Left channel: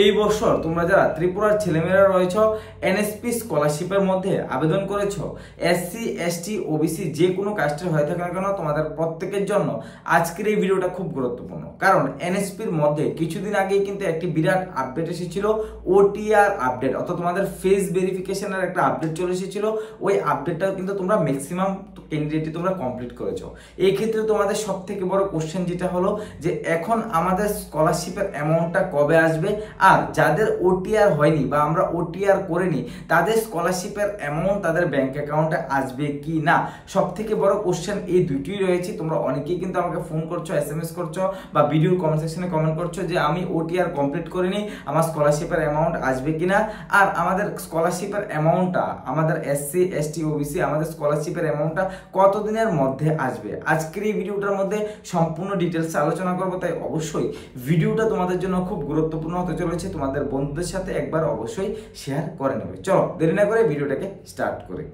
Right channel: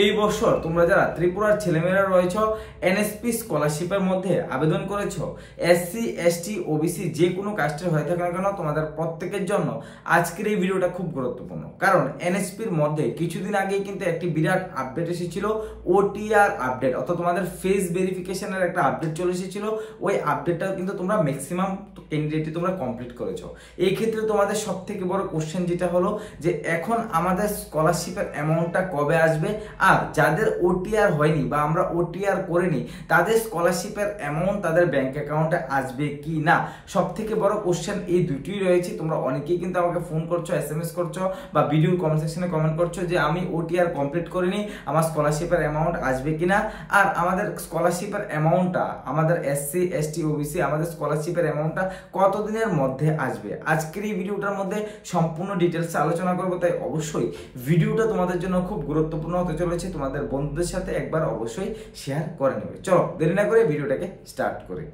এই বছর তোমরা যারা ত্রিপুরার ছেলেমেয়েরা রয়েছ এনএসপি স্কলারশিপের মধ্যে আবেদন করেছ, এসসি এসটি ওবিসি যে কোনো কাস্টের হয়ে থাকে না কেন, তোমাদের প্রত্যেকের জন্য আজকের এই ভিডিওটা খুব গুরুত্বপূর্ণ। কারণ এনএসপির মধ্যে কিছুদিন আগেই কিন্তু একটি বিরাট আপডেট এসেছিল, ওটিআর আপডেট, অর্থাৎ তোমাদের ফেস ভেরিফিকেশনের একটা আপডেট চলে এসেছিল। ওই আপডেটটা কিন্তু তোমরা ম্যাক্সিমাম ক্যান্ডিডেটই তোমরা কমপ্লিট করেছো। এই ক্ষেত্রে তোমাদের সব থেকে বড় কোশ্চেন যেটা হলো যে এখন আমাদের স্কলারশিপের অ্যামাউন্টটা কবে আসবে, আর যাদের ওটিআর হয়নি বা আমরা ওটিআর করিনি তাদের স্কলারশিপের অ্যামাউন্ট তাদের ব্যাংক অ্যাকাউন্টে আসবে কি না। সব থেকে বড় কোশ্চেন এই দুটোই রয়েছে। তোমরা অনেকেই কিন্তু আমাকে ফোন করছো, এসএমএস করছো বা ভিডিওর কমেন্ট সেকশনে কমেন্ট করছো যে আমি ওটিআর কমপ্লিট করিনি, আমার স্কলারশিপের অ্যামাউন্ট আসবে কিনা, আর আমাদের স্কলারশিপের অ্যামাউন্টটা আমাদের এসসি এসটি ওবিসি আমাদের স্কলারশিপের অ্যামাউন্টটা কতদিনের মধ্যে আসবে। আজকের এই ভিডিওটার মধ্যে সম্পূর্ণ ডিটেলসে আলোচনা করবো, তাই অবশ্যই ভিডিওটা তোমাদের জন্য খুব গুরুত্বপূর্ণ হতে চলেছে। তোমাদের বন্ধুদের সাথে একবার অবশ্যই শেয়ার করে নেবে। চলো দেরি না করে ভিডিওটাকে স্টার্ট করি।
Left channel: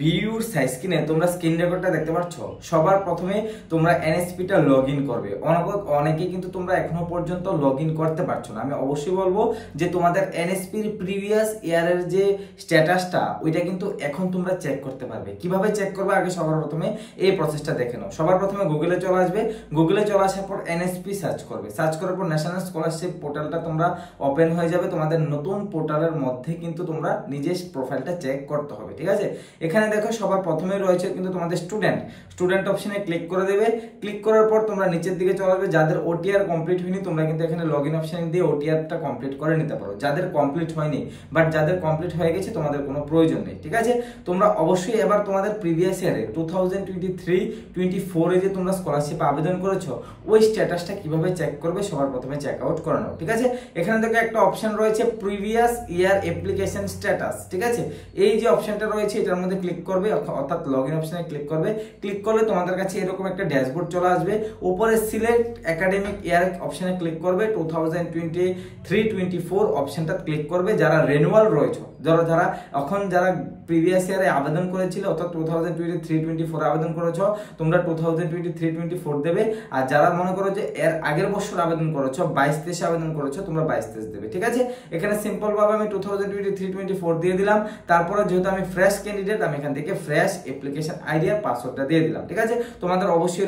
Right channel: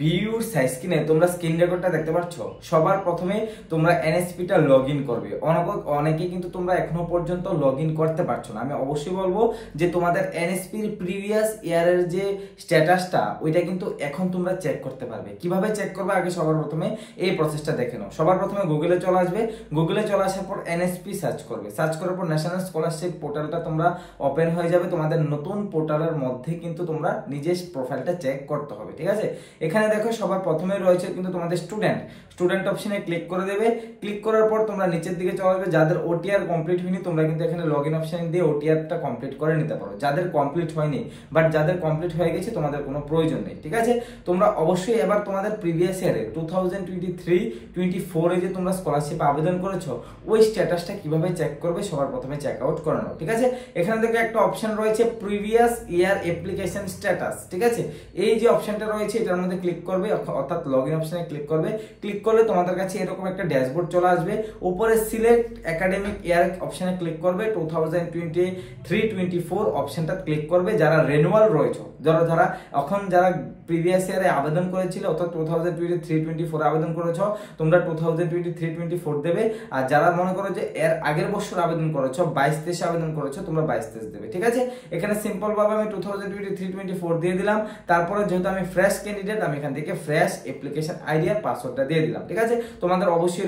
ভিডিওর স্ক্রিনে তোমরা স্ক্রিন রেকর্ডটা দেখতে পাচ্ছ। সবার প্রথমে তোমরা এনএসপিটা লগ ইন করবে। অনেকে কিন্তু তোমরা এখনো পর্যন্ত লগ ইন করতে পারছো না। আমি অবশ্যই বলবো যে তোমাদের এনএসপির প্রিভিয়াস ইয়ারের যে স্ট্যাটাসটা ওইটা কিন্তু এখন তোমরা চেক করতে পারবে। কিভাবে চেক করবে, আগে সবার প্রথমে এই প্রসেসটা দেখে নাও। সবার প্রথমে গুগলে চলে আসবে। গুগলে চলে আসার পর এনএসপি সার্চ করবে। সার্চ করার পর ন্যাশনাল স্কলারশিপ পোর্টালটা তোমরা ওপেন হয়ে যাবে। তোমাদের নতুন পোর্টালের মধ্যে কিন্তু তোমরা নিজের প্রোফাইলটা চেক করতে হবে, ঠিক আছে। এখানে দেখো সবার প্রথমে রয়েছে কিন্তু তোমাদের স্টুডেন্ট অপশনে ক্লিক করে দেবে। ক্লিক করার পর তোমরা নিচের দিকে চলে আসবে। যাদের ওটিআর কমপ্লিট হয়নি তোমরা কিন্তু এখানে লগ ইন অপশন দিয়ে ওটিআরটা কমপ্লিট করে নিতে পারো। যাদের কমপ্লিট হয়নি বাট যাদের কমপ্লিট হয়ে গেছে তোমাদের কোনো প্রয়োজন নেই, ঠিক আছে। তোমরা অবশ্যই এবার তোমাদের প্রিভিয়াস ইয়ারে 2023-24 যে তোমরা স্কলারশিপ আবেদন করেছো ওই স্ট্যাটাসটা কিভাবে চেক করবে সবার প্রথমে চেক আউট করে নাও, ঠিক আছে। এখানে দেখো একটা অপশন রয়েছে প্রিভিয়াস ইয়ার অ্যাপ্লিকেশন স্ট্যাটাস, ঠিক আছে। এই যে অপশনটা রয়েছে এটার মধ্যে ক্লিক করবে, অর্থাৎ লগ ইন অপশনে ক্লিক করবে। ক্লিক করলে তোমাদের কাছে এরকম একটা ড্যাশবোর্ড চলে আসবে। উপরে সিলেক্ট একাডেমিক ইয়ার অপশনে ক্লিক করবে। 2023-24 অপশনটা ক্লিক করবে। যারা রেনুয়াল রয়েছে, যারা প্রিভিয়াস ইয়ারে আবেদন করেছিল, অর্থাৎ 2023-24 আবেদন করেছো, তোমরা 2023-24 দেবে। আর যারা মনে করো যে এর আগের বছর আবেদন করেছো, 22-23 আবেদন করেছো, তোমরা 22-23 দেবে, ঠিক আছে। এখানে সিম্পল ভাবে আমি 2023-24 দিয়ে দিলাম। তারপরে যেহেতু আমি ফ্রেশ ক্যান্ডিডেট, আমি এখান থেকে ফ্রেশ অ্যাপ্লিকেশন আইডি আর পাসওয়ার্ডটা দিয়ে দিলাম, ঠিক আছে। তোমাদের অবশ্যই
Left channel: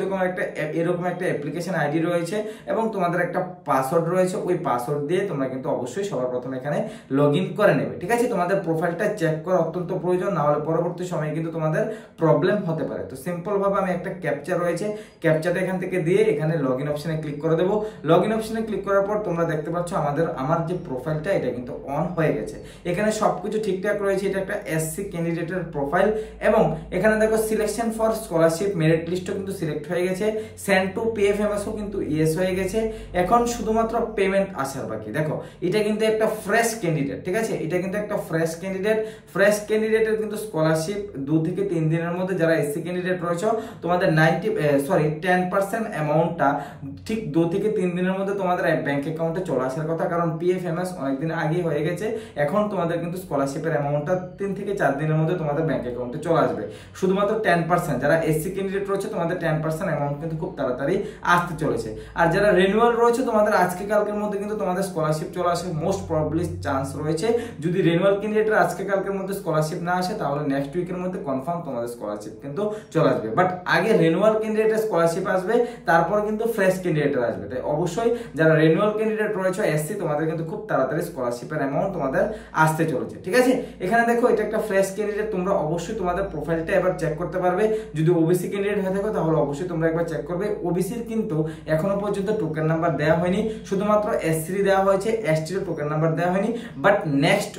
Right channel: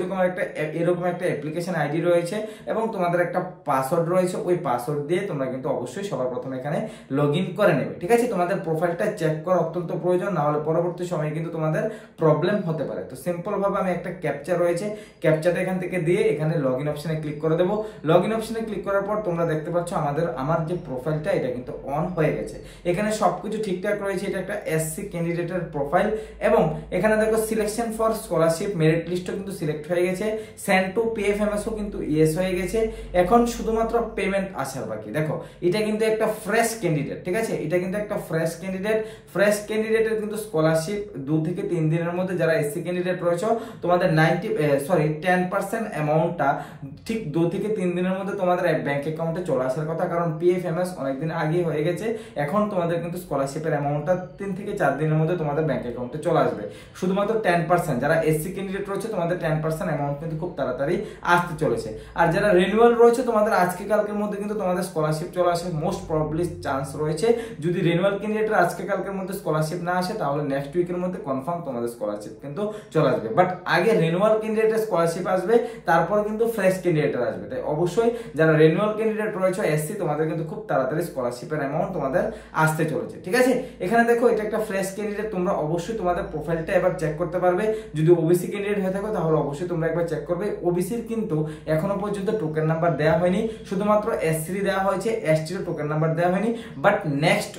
এরকম একটা অ্যাপ্লিকেশন আইডি রয়েছে এবং তোমাদের একটা পাসওয়ার্ড রয়েছে। ওই পাসওয়ার্ড দিয়ে তোমরা কিন্তু অবশ্যই সবার প্রথমে এখানে লগ ইন করে নেবে, ঠিক আছে। তোমাদের প্রোফাইলটা চেক করা অত্যন্ত প্রয়োজন, না হলে পরবর্তী সময়ে কিন্তু তোমাদের প্রবলেম হতে পারে। তো সিম্পল ভাবে আমি একটা ক্যাপচা রয়েছে, ক্যাপচাটা এখান থেকে দিয়ে এখানে লগ ইন অপশনে ক্লিক করে দেবো। লগ ইন অপশনে ক্লিক করার পর তোমরা দেখতে পাচ্ছ আমার যে প্রোফাইলটা এটা কিন্তু অন হয়ে গেছে। এখানে সবকিছু ঠিকঠাক রয়েছে। এটা একটা এসসি ক্যান্ডিডেটের প্রোফাইল এবং এখানে দেখো সিলেকশন ফর স্কলারশিপ মেরিট লিস্টও কিন্তু সিলেক্ট হয়ে গেছে। সেন্ড টু পিএফএমএসও কিন্তু ইয়েস হয়ে গেছে। এখন শুধুমাত্র পেমেন্ট আসার বাকি। দেখো এটা কিন্তু একটা ফ্রেশ ক্যান্ডিডেট, ঠিক আছে। এটা কিন্তু একটা ফ্রেশ ক্যান্ডিডেটের কিন্তু স্কলারশিপ 2 থেকে 3 দিনের মধ্যে, যারা এসসি ক্যান্ডিডেট রয়েছে তোমাদের 10% অ্যামাউন্টটা ঠিক 2 থেকে 3 দিনের মধ্যে তোমাদের ব্যাংক অ্যাকাউন্টে চলে আসার কথা। কারণ পিএফএমএস অনেকদিন আগেই হয়ে গেছে। এখন তোমাদের কিন্তু স্কলারশিপের অ্যামাউন্টটা 3 থেকে 4 দিনের মধ্যে তোমাদের ব্যাংক অ্যাকাউন্টে চলে আসবে। শুধুমাত্র 10%, যারা এসসি ক্যান্ডিডেট রয়েছে তোমাদের 10% অ্যামাউন্ট কিন্তু খুব তাড়াতাড়ি আসতে চলেছে। আর যারা রিনিউয়াল রয়েছে তোমাদের আজকে কালকের মধ্যে কিন্তু তোমাদের স্কলারশিপ চলে আসার মোস্ট প্রবাবলি চান্স রয়েছে। যদি রিনিউয়াল ক্যান্ডিডেটের আজকে কালকের মধ্যে স্কলারশিপ না আসে তাহলে নেক্সট উইকের মধ্যে কনফার্ম তোমাদের স্কলারশিপ কিন্তু চলে আসবে। বাট আগে রিনিউয়াল ক্যান্ডিডেটের স্কলারশিপ আসবে, তারপর কিন্তু ফ্রেশ ক্যান্ডিডেটের আসবে। তাই অবশ্যই যারা রিনিউয়াল ক্যান্ডিডেট রয়েছে এসসি, তোমাদের কিন্তু খুব তাড়াতাড়ি স্কলারশিপের অ্যামাউন্ট তোমাদের আসতে চলেছে, ঠিক আছে। এখানে দেখো এটা একটা ফ্রেশ ক্যান্ডিডেট। তোমরা অবশ্যই তোমাদের প্রোফাইলটা এবার চেক করতে পারবে। যদি ওবিসি ক্যান্ডিডেট হয়ে থাকো তাহলে অবশ্যই তোমরা একবার চেক করবে। ওবিসির কিন্তু এখনো পর্যন্ত টোকেন নাম্বার দেওয়া হয়নি, শুধুমাত্র এসসি দেওয়া হয়েছে, এসটির টোকেন নাম্বার দেওয়া হয়নি। বাট নেক্সট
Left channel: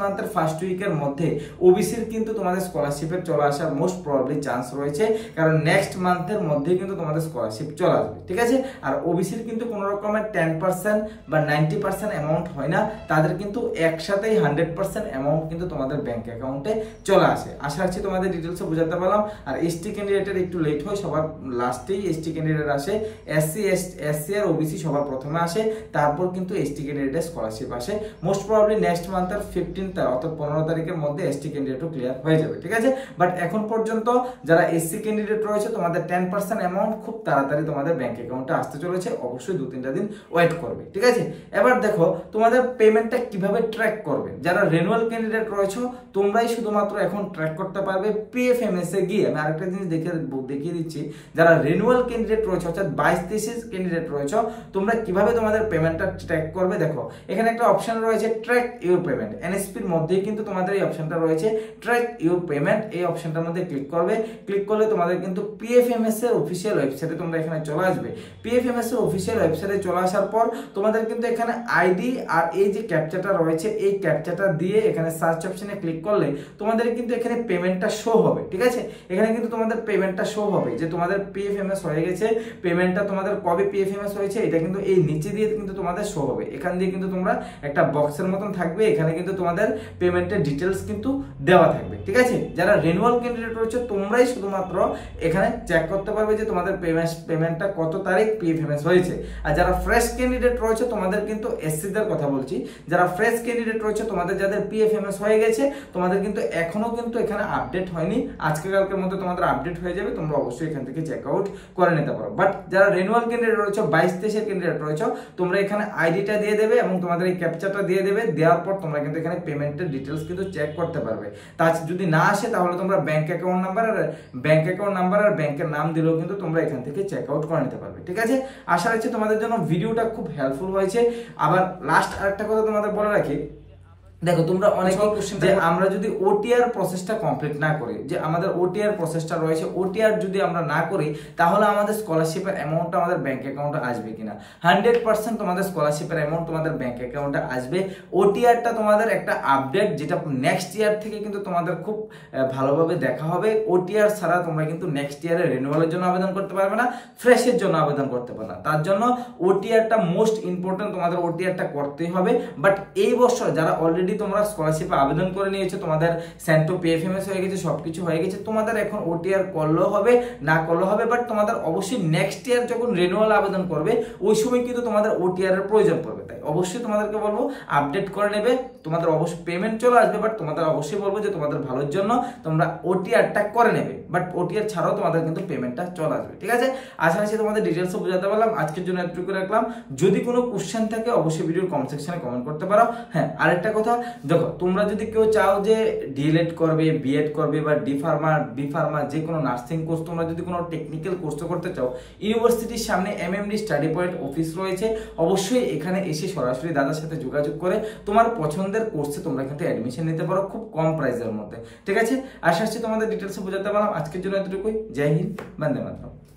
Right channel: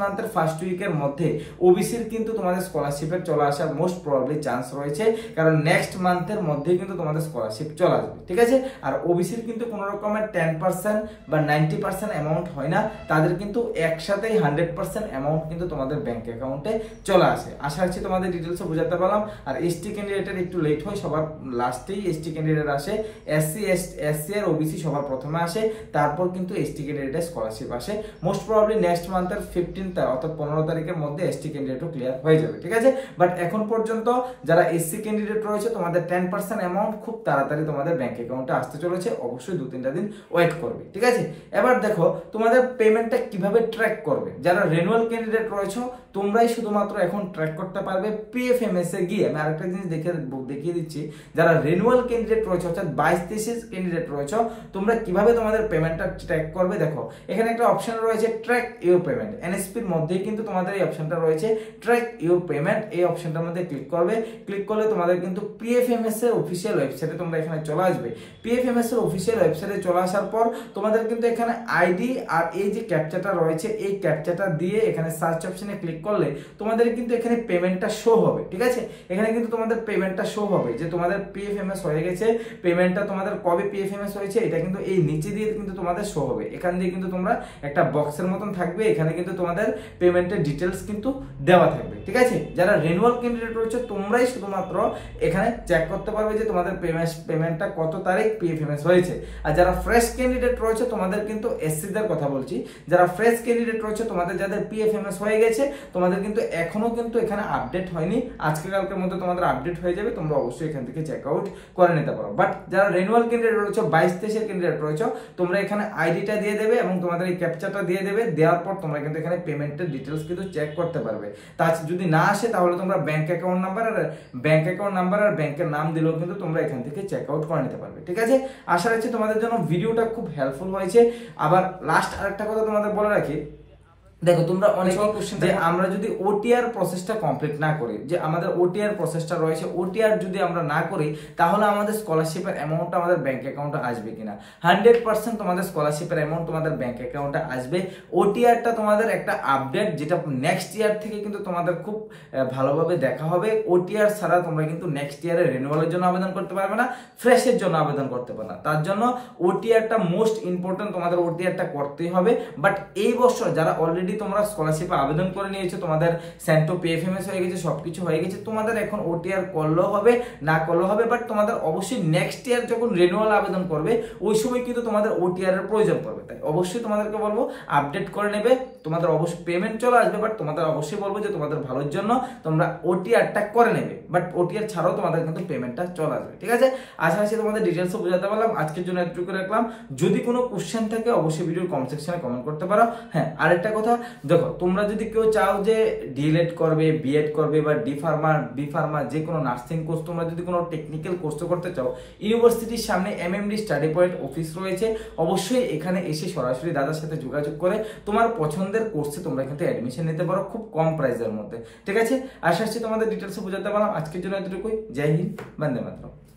মান্থের ফার্স্ট উইকের মধ্যে ওবিসির কিন্তু তোমাদের স্কলারশিপের চলে আসার মোস্ট প্রবাবলি চান্স রয়েছে। কারণ নেক্সট মান্থের মধ্যে কিন্তু তোমাদের স্কলারশিপ চলে আসবে, ঠিক আছে। আর ওবিসির কিন্তু কোনো রকমের 10% বা 90% অ্যামাউন্ট হয় না, তাদের কিন্তু একসাথেই 100% অ্যামাউন্ট কিন্তু তোমাদের ব্যাংক অ্যাকাউন্টে চলে আসে। আশা রাখছি তোমাদের ডিটেলসে বোঝাতে পারলাম। আর এসটি ক্যান্ডিডেটের একটু লেট হয়, সবার লাস্টেই এসটি ক্যান্ডিডেট আসে, এসসি আর ওবিসি সবার প্রথমে আসে, তারপর কিন্তু এসটি ক্যান্ডিডেটের স্কলারশিপ আসে। মোস্ট প্রবাবলি নেক্সট মান্থের 15 অর্থাৎ 15 তারিখের মধ্যে এসটি ক্যান্ডিডেটও ক্লিয়ার হয়ে যাবে, ঠিক আছে। বাট এখন পর্যন্ত যারা এসসি ক্যান্ডিডেট রয়েছে তোমাদের 10% অ্যামাউন্ট খুব তাড়াতাড়ি তোমাদের ব্যাংক অ্যাকাউন্টে আসতে চলেছে, অবশ্যই 2-3টা দিন ওয়েট করবে, ঠিক আছে। এবার দেখো তোমাদের পেমেন্টটা কিভাবে ট্র্যাক করবে। যারা রেনুয়াল ক্যান্ডিডেট রয়েছে তোমরাই শুধুমাত্র এখন ট্র্যাক করতে পারবে পিএফএমএস এ গিয়ে। আমি আরেকটা জিনিস দেখিয়ে দিচ্ছি, যারা রেনুয়াল ক্যান্ডিডেট রয়েছে অর্থাৎ 22-23 ক্যান্ডিডেট রয়েছে তোমরা কিভাবে তোমাদের পেমেন্টটা ট্র্যাক করবে। দেখো এখানে একটা অপশন রয়েছে ট্র্যাক ইউর পেমেন্ট, এনএসপির মধ্যেই কিন্তু তোমাদের এই অপশনটা রয়েছে ট্র্যাক ইউর পেমেন্ট। এই অপশনটার মধ্যে ক্লিক করবে, ক্লিক করলে তোমাদের কিন্তু পিএফএমএস এর অফিসিয়াল ওয়েবসাইটে তোমরা এখানে চলে আসবে। পিএফএমএস এর অফিসিয়াল ওয়েবসাইটে চলে আসার পর তোমাদের কিন্তু এখানে আইডি আর এই যে ক্যাপচাটা রয়েছে এই ক্যাপচাটা দিয়ে এখানে সার্চ অপশনে ক্লিক করলে তোমাদের কিন্তু এখানে পেমেন্টটা শো হবে, ঠিক আছে। এখানে কিন্তু তোমাদের পেমেন্টটা শো হবে যে তোমাদের পিএফএমএস হয়ে গেছে, পেমেন্টটা তোমাদের কবে পিএফএমএস হয়েছে এটা কিন্তু এই নিচে দিয়ে কিন্তু তোমাদের শো হবে। এখান দিয়ে কিন্তু তোমরা একটা বক্সের মতন থাকবে, এখানে কিন্তু তোমাদের পেমেন্টের ডিটেলস কিন্তু দেওয়া থাকবে, ঠিক আছে। যারা রেনুয়াল ক্যান্ডিডেট রয়েছে তোমরাই শুধুমাত্র এখানে চেক করতে পারবে যে তোমাদের পেমেন্টটা কত তারিখ পিএফএমএস হয়েছে। আর যারা ফ্রেশ ক্যান্ডিডেট রয়েছে তোমাদের কিন্তু এসসিদের কথা বলছি, যারা ফ্রেশ ক্যান্ডিডেট রয়েছে তোমাদের যাদের পিএফএমএস হয়ে গেছে তোমাদের কিন্তু এখনো কিন্তু এখানে আপডেট হয়নি, আজকে কালকের মধ্যে তোমাদের আপডেট হয়ে যাবে, তোমরা অবশ্যই এখান থেকে চেক আউট করে নিতে পারো। বাট যারা রেনুয়াল ক্যান্ডিডেট রয়েছে 22-23 ক্যান্ডিডেট রয়েছে তোমরা এখানে আইডিটা দিয়ে দেবে এবং তোমাদের এই ক্যাপচাটা দিয়ে দেবে, দেওয়ার পর তোমরা কিন্তু এখানে পেমেন্টের ডিটেলস কিন্তু চেক করতে পারবে। তা যদি না আসে তাহলে তোমরা ব্যাংক অ্যাকাউন্ট নাম্বার আর ব্যাংকের নাম দিলেও কিন্তু তোমরা এখান থেকে চেক আউট করে নিতে পারবে, ঠিক আছে। আশা রাখছি তোমাদের জন্য ভিডিওটা খুব হেল্পফুল হয়েছে। আবার লাস্ট আরেকটা কথা তোমাদের বলে রাখি, দেখো তোমরা অনেকে যে আমরা যদি ওটিআর প্রসেসটা কমপ্লিট না করি, যে আমাদের ওটিআর প্রসেসটা রয়েছে ওটিআর যদি আমরা না করি তাহলে আমাদের স্কলারশিপের অ্যামাউন্টটা আমাদের ব্যাংক অ্যাকাউন্টে আসবে কিনা। 100% তোমাদের স্কলারশিপের অ্যামাউন্ট তোমাদের ব্যাংক অ্যাকাউন্টে আসবে। ওটিআরটা তোমাদের একটা আপডেট যেটা নেক্সট ইয়ার থেকে কিন্তু তোমাদের খুব ভালোভাবে দেখা হবে। ওটিআর ছাড়া তোমরা কিন্তু নেক্সট ইয়ারে রিনিউয়ালের জন্য আবেদন করতে পারবে না, ফ্রেশের জন্য আবেদন করতে পারবে না। তার জন্য ওটিআরটা মোস্ট ইম্পর্টেন্ট, তোমাদের ওটিআরটা করতেই হবে। বাট এই বছর যারা অলরেডি তোমরা স্কলারশিপে আবেদন করে নিয়েছো, তোমাদের সেন্টো পিএফএমএস হয়ে গেছে, সবকিছু হয়ে গেছে, তোমাদের এখন ওটিআর করলেও হবে না করলেও হবে। বাট তোমাদের অবশ্যই নেক্সট ইয়ার যখন রিনিউয়াল আবেদন করবে ওই সময় কিন্তু তোমাদের ওটিআর এর প্রয়োজন পড়বে। তাই অবশ্যই তোমাদেরকে বলবো আপডেট করে নেবে, তোমাদের অবশ্যই পেমেন্ট চলে আসবে। বাট তোমাদের অবশ্যই বলবো যে তোমাদের ভালোর জন্য তোমরা ওটিআরটা করে নেবে। বাট ওটিআর ছাড়াও তোমাদের কিন্তু পেমেন্টটা চলে আসবে, ঠিক আছে। আশা রাখছি তোমাদের ডিটেলস বোঝাতে পারলাম। আজকের জন্য এতটুকু রাখলাম। যদি কোনো কোশ্চেন থাকে অবশ্যই ভিডিওর কমেন্ট সেকশনে কমেন্ট করতে পারো। হ্যাঁ, আরেকটা কথা, দেখো তোমরা যদি কেউ চাও যে ডিএলএড করবে, বিএড করবে বা বি ফার্মা যে কোনো নার্সিং কোর্স, তোমরা যদি কোনো টেকনিক্যাল কোর্স করতে চাও, ইউনিভার্সিটির সামনে এমএমডি স্টাডি পয়েন্ট অফিস রয়েছে, অবশ্যই এখানে এসে সরাসরি দাদার সাথে যোগাযোগ করে তোমার পছন্দের কোর্সে তোমরা কিন্তু অ্যাডমিশন নিতে পারো খুব কম প্রাইসের মধ্যে, ঠিক আছে। আশা করছি তোমাদের ডিটেলসে বোঝাতে পারলাম। আজকের জন্য এতটুকুই। জয় হিন্দ, বন্দে মাতরম।